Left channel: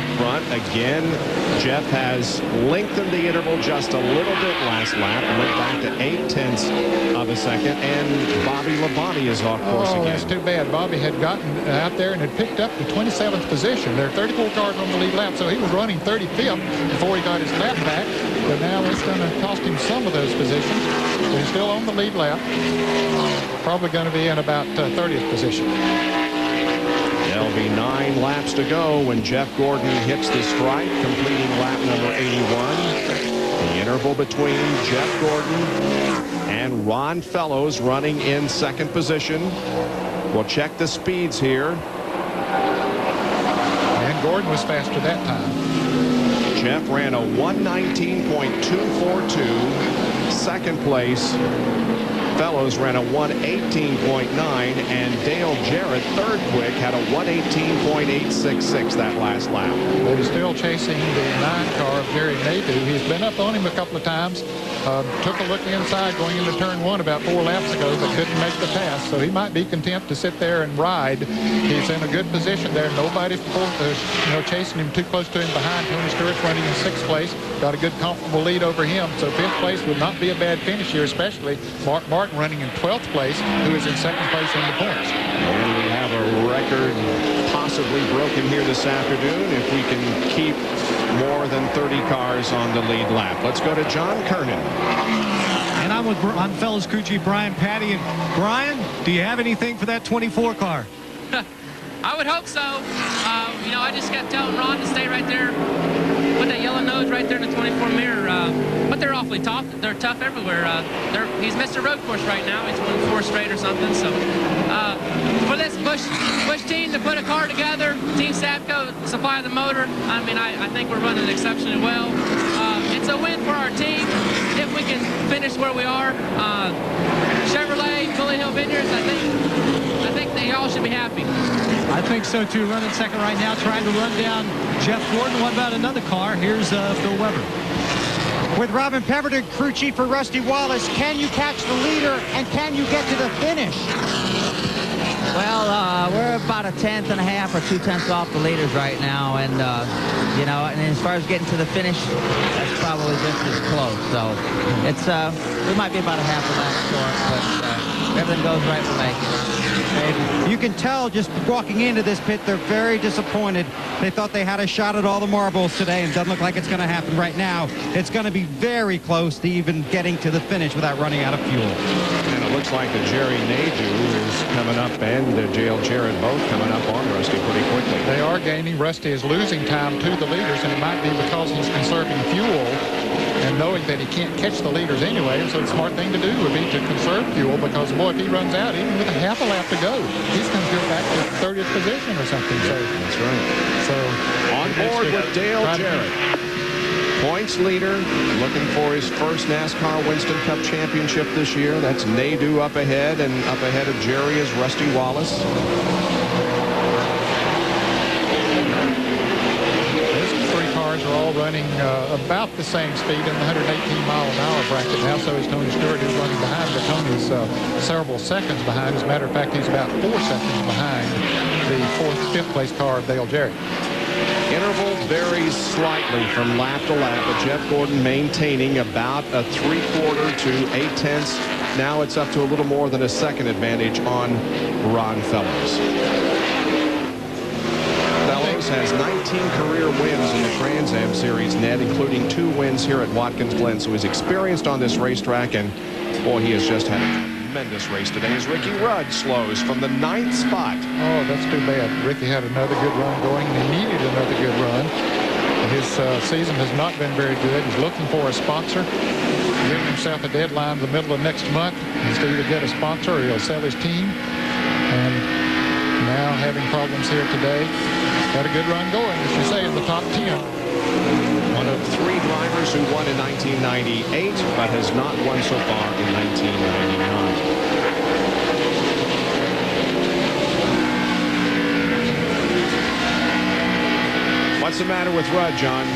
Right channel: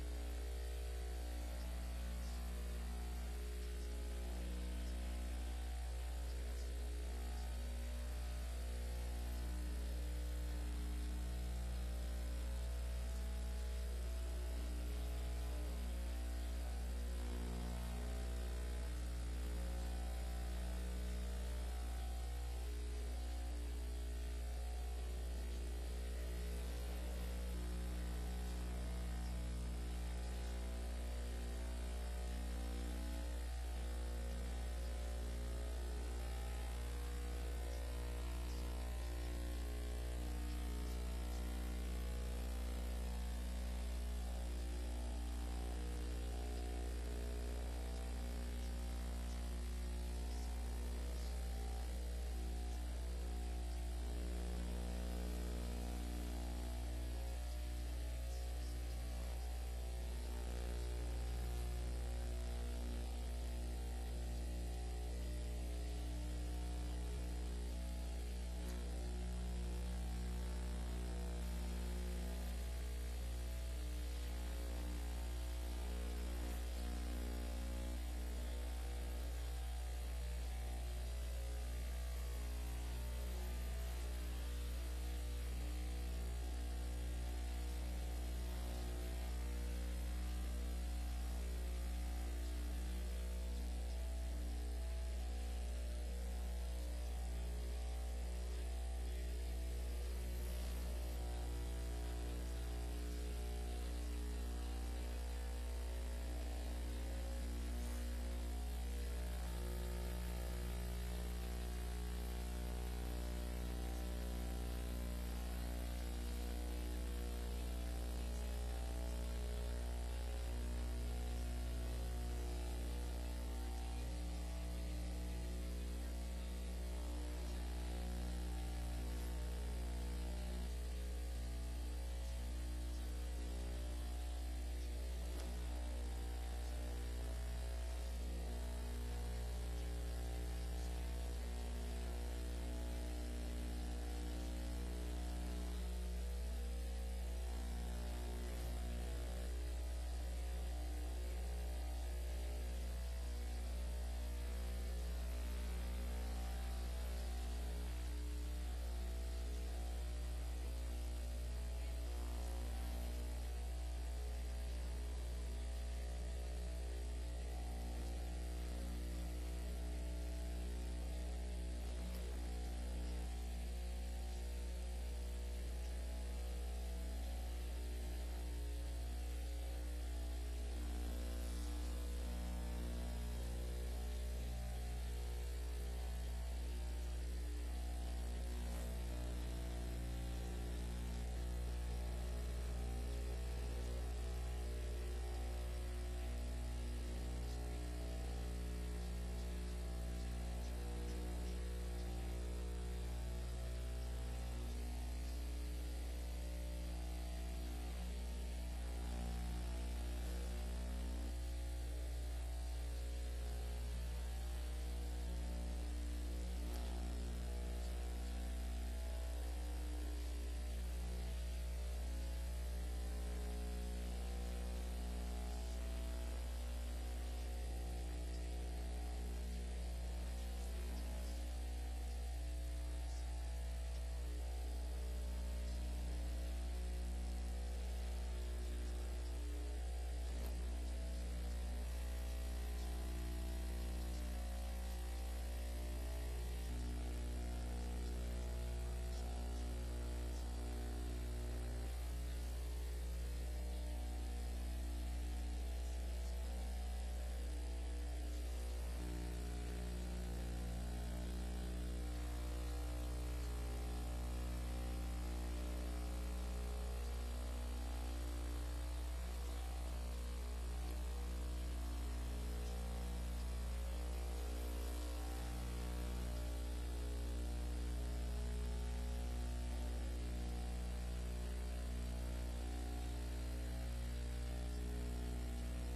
Up front again, Jeff has lengthened the interval just a little bit last lap and went back to 0.8 of a second, and Bobby Labonte is off course again. That's too bad. Bobby had gotten out there and had picked up the 27th position. There are 34 cars on the lead lap, so he was running 35th before he got his lap back, but now it's going to cost him some of those positions. But he's still on the lead lap, probably going to be in about 30th position. There'll be 9 laps to go when Jeff Gordon hits the stripe, completing lap number 81. The interval between Jeff Gordon and Ron Fellows running in second position. We'll check the speeds here. And Gordon was faster that time. Jeff ran a 1:19.242. Second place, Fellows ran a 1:18.9, and Dale Jarrett, third quick, had a 1:18.866 that last lap. But he's still chasing the 9 car of Jerry Nadeau. He's been up on him a couple of times. Took a look inside going into turn 1 about 4 laps ago, but couldn't make the pass. So he might be content to sit there and ride. He's in a good position there. Nobody's chasing him too close to him behind. Tony Stewart's running in 6th place. Got a good, comfortable lead over him. So 5th place would not be a bad finish here, especially Mark Martin running in 12th place, who is in 2nd place in the points. And we have a record possibly broken here this afternoon if we can keep more than 30 cars on the lead lap. Let's go to John Kernan. And I'm with Fellows crew chief Brian Patty. And Brian, do you have anything for that 24 car? I would hope so. I just kept telling Ron to stay right there with that yellow nose right there in the 24 mirror. But they're awfully tough. They're tough everywhere. He's Mr. Road Course right now. He's won 4 straight or something. So for this Busch team to put a car together, Team Sapco supply the motor, I mean, I think we're running exceptionally well. It's a win for our team if we can finish where we are. Chevrolet, Bully Hill Vineyards, I think they all should be happy. I think so too. Running second right now, trying to run down Jeff Gordon. What about another car? Here's Phil Weber. With Robin Pemberton, crew chief for Rusty Wallace, can you catch the leader and can you get to the finish? Well, we're about 1/10.5 or 2/10 off the leaders right now, and and as far as getting to the finish, that's probably just as close. So it's we might be about a half a lap short, but if everything goes right, we'll make it. You can tell just walking into this pit, they're very disappointed. They thought they had a shot at all the marbles today, and it doesn't look like it's going to happen right now. It's going to be very close to even getting to the finish without running out of fuel. And it looks like the Jerry Nadeau is coming up, and Dale Jarrett both coming up on Rusty pretty quickly. They are gaining. Rusty is losing time to the leaders, and it might be because he's conserving fuel and knowing that he can't catch the leaders anyway. So the smart thing to do would be to conserve fuel, because, boy, if he runs out, even with a half a lap to go, he's going to go back to 30th position or something. So that's right. So on board with Dale Jarrett. Points leader, looking for his first NASCAR Winston Cup championship this year. That's Nadeau up ahead, and up ahead of Jerry is Rusty Wallace. Are all running about the same speed in the 118-mile-an-hour bracket now. So is Tony Stewart, who's running behind, but Tony's several seconds behind. As a matter of fact, he's about 4 seconds behind the 5th place car of Dale Jarrett. Interval varies slightly from lap to lap, but Jeff Gordon maintaining about a 3/4 to 8/10. Now it's up to a little more than a second advantage on Ron Fellows. Has 19 career wins in the Trans Am Series net, including 2 wins here at Watkins Glen. So he's experienced on this racetrack, and boy, he has just had a tremendous race today as Ricky Rudd slows from the 9th spot. Oh, that's too bad. Ricky had another good run going, and he needed another good run. His season has not been very good. He's looking for a sponsor, giving himself a deadline in the middle of next month. He's to either get a sponsor or he'll sell his team. And now having problems here today. Got a good run going, as you say, in the top 10. One of 3 drivers who won in 1998, but has not won so far in 1999. What's the matter with Rudd, John?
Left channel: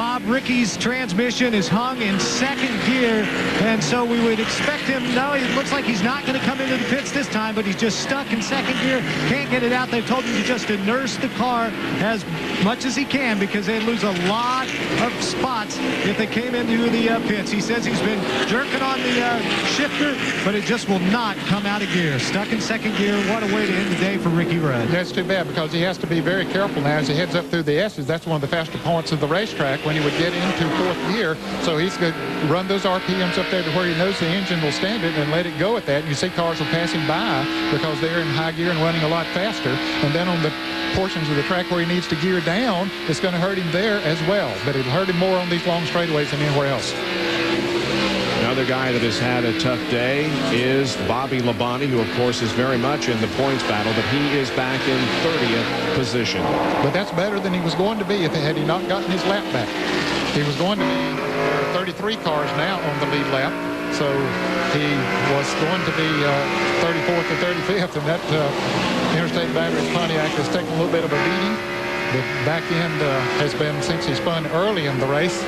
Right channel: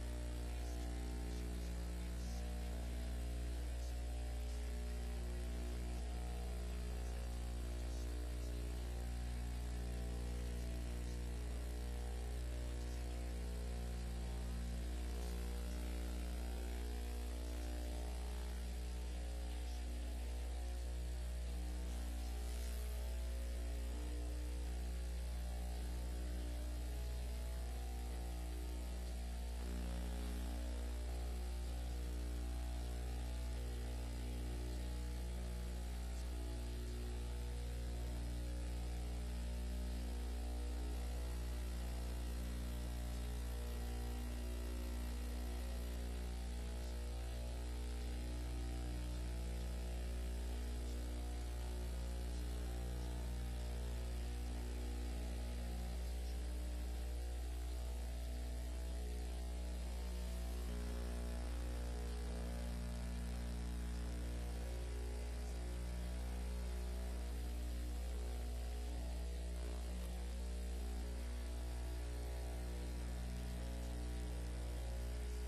Bob, Ricky's transmission is hung in second gear, and so we would expect him. No, it looks like he's not going to come into the pits this time, but he's just stuck in second gear. Can't get it out. They've told him to just nurse the car as much as he can because they lose a lot of spots if they came into the pits. He says he's been jerking on the shifter, but it just will not come out of gear. Stuck in second gear. What a way to end the day for Ricky Rudd. That's too bad because he has to be very careful now as he heads up through the S's. That's one of the faster points of the racetrack when he would get into fourth gear. So he's going to run those RPMs up there to where he knows the engine will stand it and let it go at that. And you see cars will pass him by because they're in high gear and running a lot faster. And then on the portions of the track where he needs to gear down, it's going to hurt him there as well. But it'll hurt him more on these long straightaways than anywhere else. Another guy that has had a tough day is Bobby Labonte, who, of course, is very much in the points battle, but he is back in 30th position. But that's better than he was going to be had he not gotten his lap back. He was going to be 33 cars now on the lead lap, so he was going to be 34th or 35th, and that Interstate Batteries Pontiac has taken a little bit of a beating. The back end has been, since he spun early in the race,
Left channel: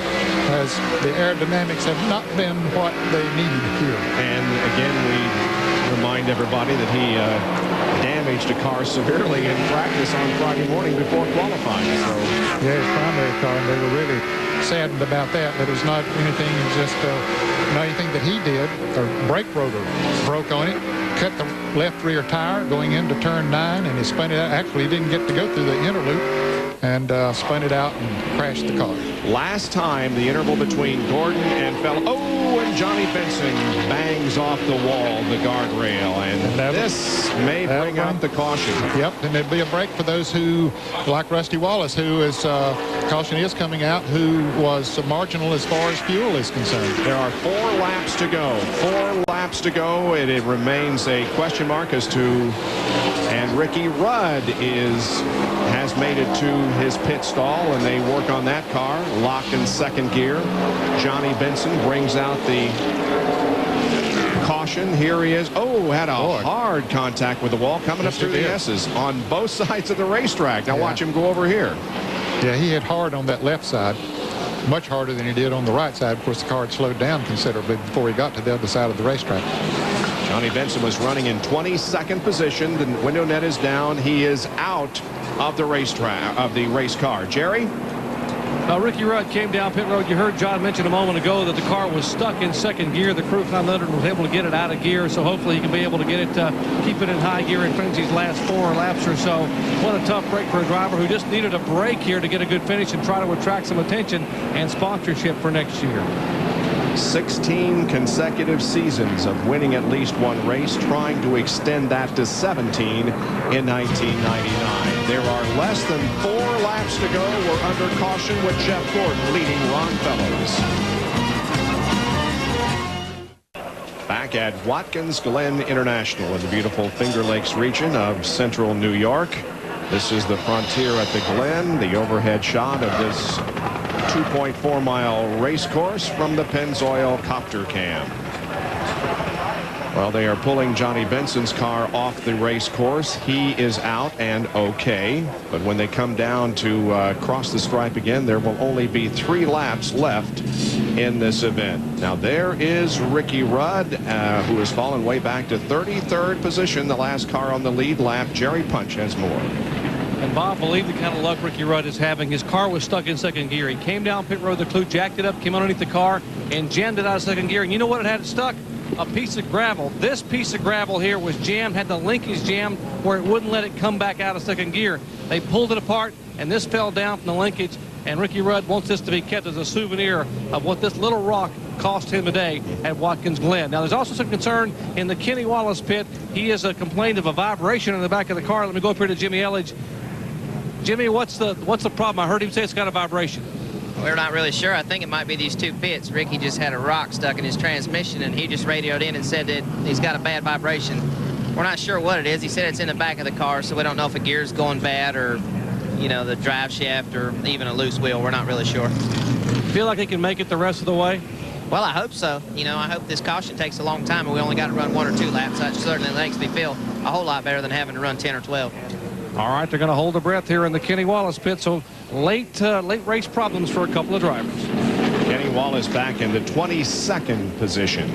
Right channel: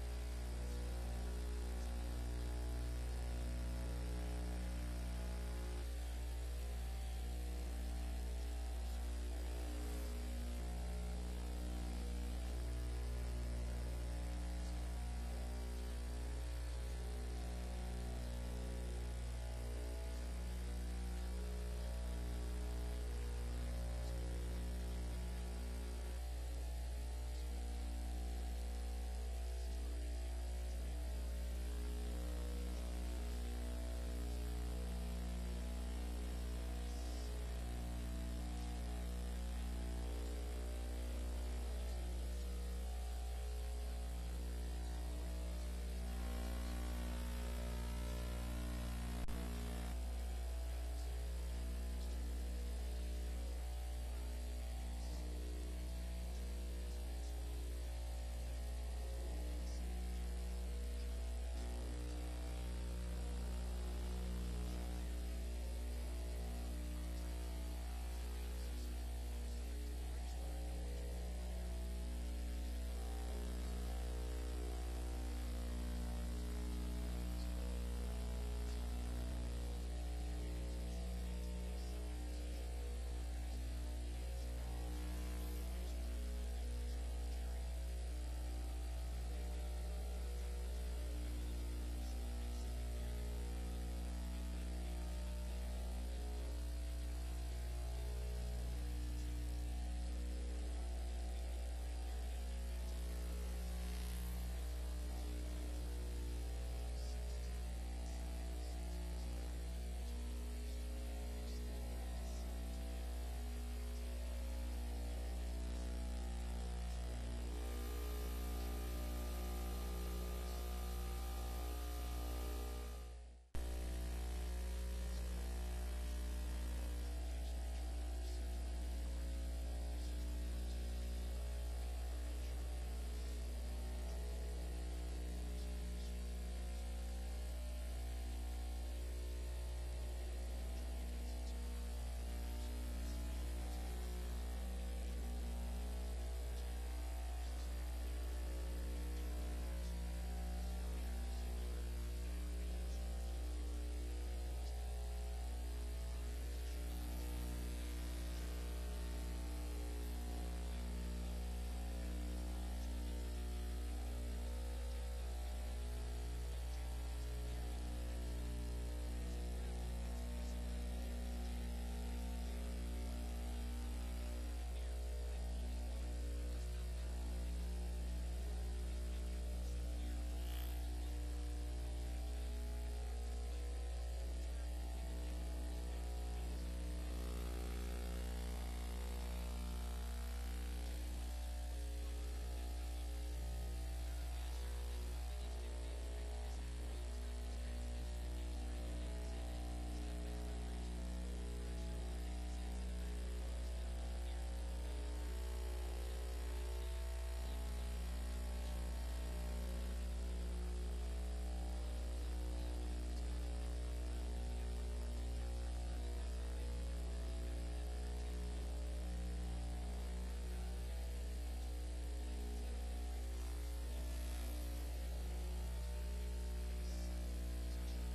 as the aerodynamics have not been what they needed here. And again, we remind everybody that he damaged a car severely in practice on Friday morning before qualifying. So yeah, his primary car, and they were really saddened about that. But it was not anything, just not anything that he did. The brake rotor broke on it, cut the left rear tire going into turn 9, and he spun it out. Actually, he didn't get to go through the inner loop, and spun it out and crashed the car. Last time, the interval between Gordon and and Johnny Benson bangs off the wall, the guardrail, and this may bring out the caution. Yep, and there'd be a break for those who, like Rusty Wallace, who is, caution is coming out, who was marginal as far as fuel is concerned. There are 4 laps to go. 4 laps to go, and it remains a question mark as to, and Ricky Rudd has made it to his pit stall, and they work on that car, locked in second gear. Johnny Benson brings out the caution. Here he is. Oh, had a hard contact with the wall coming up through the S's on both sides of the racetrack. Now watch him go over here. Yeah, he hit hard on that left side, much harder than he did on the right side. Of course, the car had slowed down considerably before he got to the other side of the racetrack. Johnny Benson was running in 22nd position. The window net is down. He is out of the racetrack, of the race car. Jerry? Ricky Rudd came down pit road. You heard John mention a moment ago that the car was stuck in second gear. The crew 500 was able to get it out of gear, so hopefully he can be able to get it, keep it in high gear and finish these last 4 laps or so. What a tough break for a driver who just needed a break here to get a good finish and try to attract some attention and sponsorship for next year. 16 consecutive seasons of winning at least one race, trying to extend that to 17 in 1999. There are less than 4 laps to go. We're under caution with Jeff Gordon leading Ron Fellows. Back at Watkins Glen International in the beautiful Finger Lakes region of central New York. This is the frontier at the Glen, the overhead shot of this 2.4-mile race course from the Pennzoil copter cam. Well, they are pulling Johnny Benson's car off the race course. He is out and okay, but when they come down to cross the stripe again, there will only be 3 laps left in this event. Now there is Ricky Rudd, who has fallen way back to 33rd position, the last car on the lead lap. Jerry Punch has more. And Bob, believe the kind of luck Ricky Rudd is having. His car was stuck in second gear. He came down pit road, the clue jacked it up, came underneath the car, and jammed it out of second gear. And you know what it had it stuck? A piece of gravel. This piece of gravel here was jammed, had the linkage jammed where it wouldn't let it come back out of second gear. They pulled it apart, and this fell down from the linkage. And Ricky Rudd wants this to be kept as a souvenir of what this little rock cost him today at Watkins Glen. Now, there's also some concern in the Kenny Wallace pit. He has complained of a vibration in the back of the car. Let me go up here to Jimmy Elledge. Jimmy, what's the problem? I heard him say it's got a vibration. We're not really sure. I think it might be these 2 pits. Ricky just had a rock stuck in his transmission, and he just radioed in and said that he's got a bad vibration. We're not sure what it is. He said it's in the back of the car, so we don't know if a gear's going bad or, you know, the drive shaft or even a loose wheel. We're not really sure. Feel like he can make it the rest of the way? Well, I hope so. You know, I hope this caution takes a long time, and we only got to run 1 or 2 laps. That certainly makes me feel a whole lot better than having to run 10 or 12. All right, they're going to hold their breath here in the Kenny Wallace pit. So late race problems for a couple of drivers. Kenny Wallace back into 22nd position.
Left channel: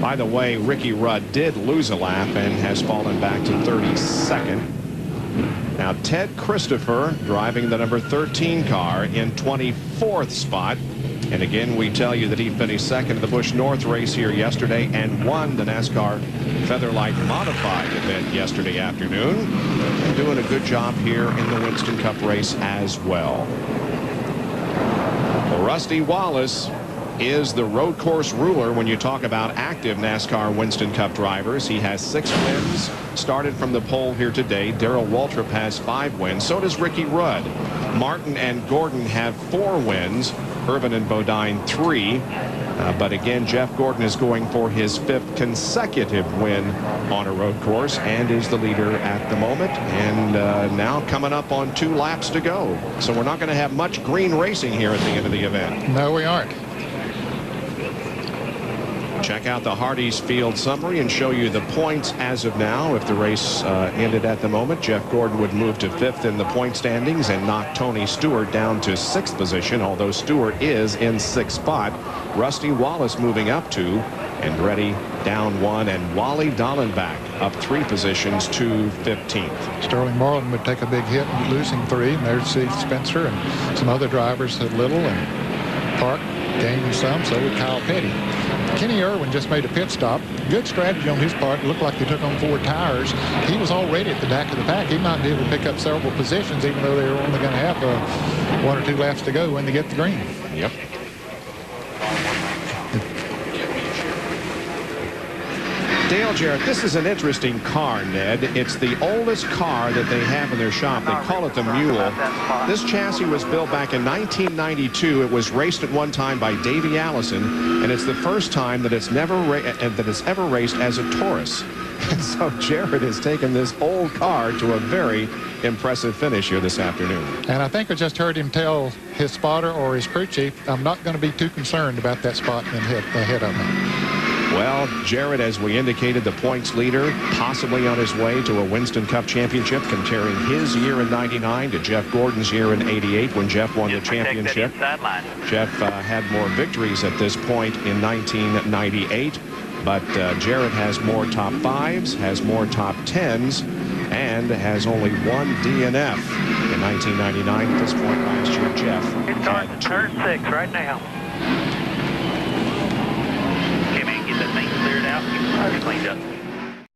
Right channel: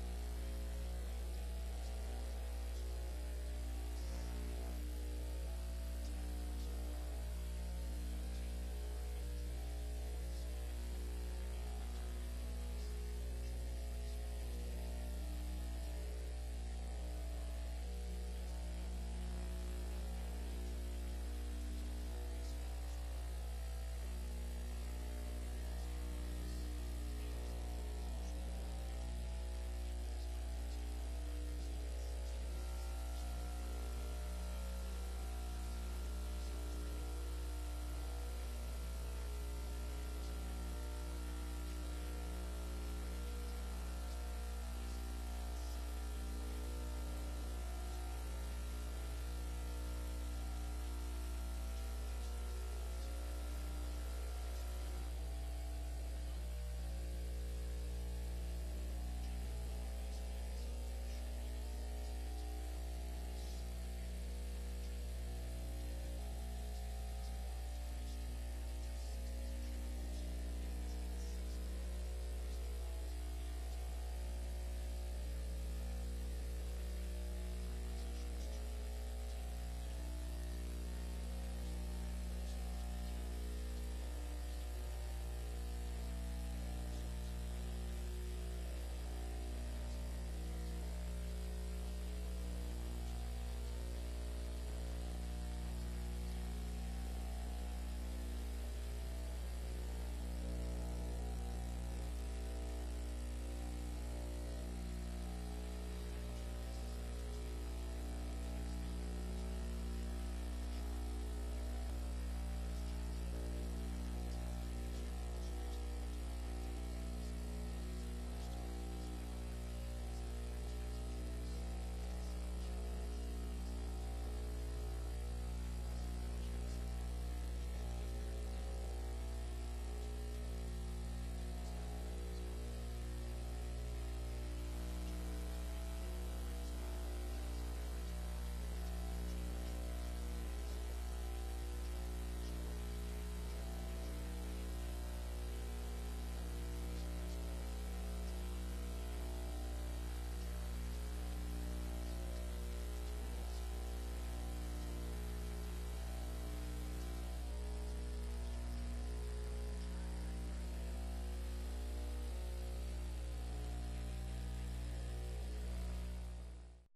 By the way, Ricky Rudd did lose a lap and has fallen back to 32nd. Now Ted Christopher driving the number 13 car in 24th spot. And again, we tell you that he finished second in the Busch North race here yesterday and won the NASCAR Featherlight Modified event yesterday afternoon. And doing a good job here in the Winston Cup race as well. Well, Rusty Wallace is the road course ruler when you talk about active NASCAR Winston Cup drivers. He has 6 wins, started from the pole here today. Darrell Waltrip has 5 wins. So does Ricky Rudd. Martin and Gordon have 4 wins. Irvin and Bodine 3. But again, Jeff Gordon is going for his 5th consecutive win on a road course and is the leader at the moment. And now coming up on 2 laps to go. So we're not going to have much green racing here at the end of the event. No, we aren't. Check out the Hardee's field summary and show you the points as of now. If the race ended at the moment, Jeff Gordon would move to 5th in the point standings and knock Tony Stewart down to 6th position, although Stewart is in 6th spot. Rusty Wallace moving up 2, Andretti down 1, and Wally Dallenbach up 3 positions to 15th. Sterling Marlin would take a big hit losing 3, and there's Steve Spencer and some other drivers at Little and Park gaining some, so would Kyle Petty. Kenny Irwin just made a pit stop. Good strategy on his part. It looked like they took on 4 tires. He was already at the back of the pack. He might be able to pick up several positions, even though they were only going to have 1 or 2 laps to go when they get the green. Yep. Dale Jarrett, this is an interesting car, Ned. It's the oldest car that they have in their shop. They call it the Mule. This chassis was built back in 1992. It was raced at one time by Davey Allison, and it's the first time that it's ever raced as a Taurus. And so Jarrett has taken this old car to a very impressive finish here this afternoon. And I think I just heard him tell his spotter or his crew chief, I'm not going to be too concerned about that spot ahead of me. Well, Jarrett, as we indicated, the points leader, possibly on his way to a Winston Cup championship, comparing his year in '99 to Jeff Gordon's year in '88 when Jeff won the championship. Jeff had more victories at this point in 1998, but Jarrett has more top 5s, has more top 10s, and has only 1 DNF. In 1999, at this point last year, Jeff had 2. Turn 6 right now. Get that thing cleared out, get the tires cleaned up.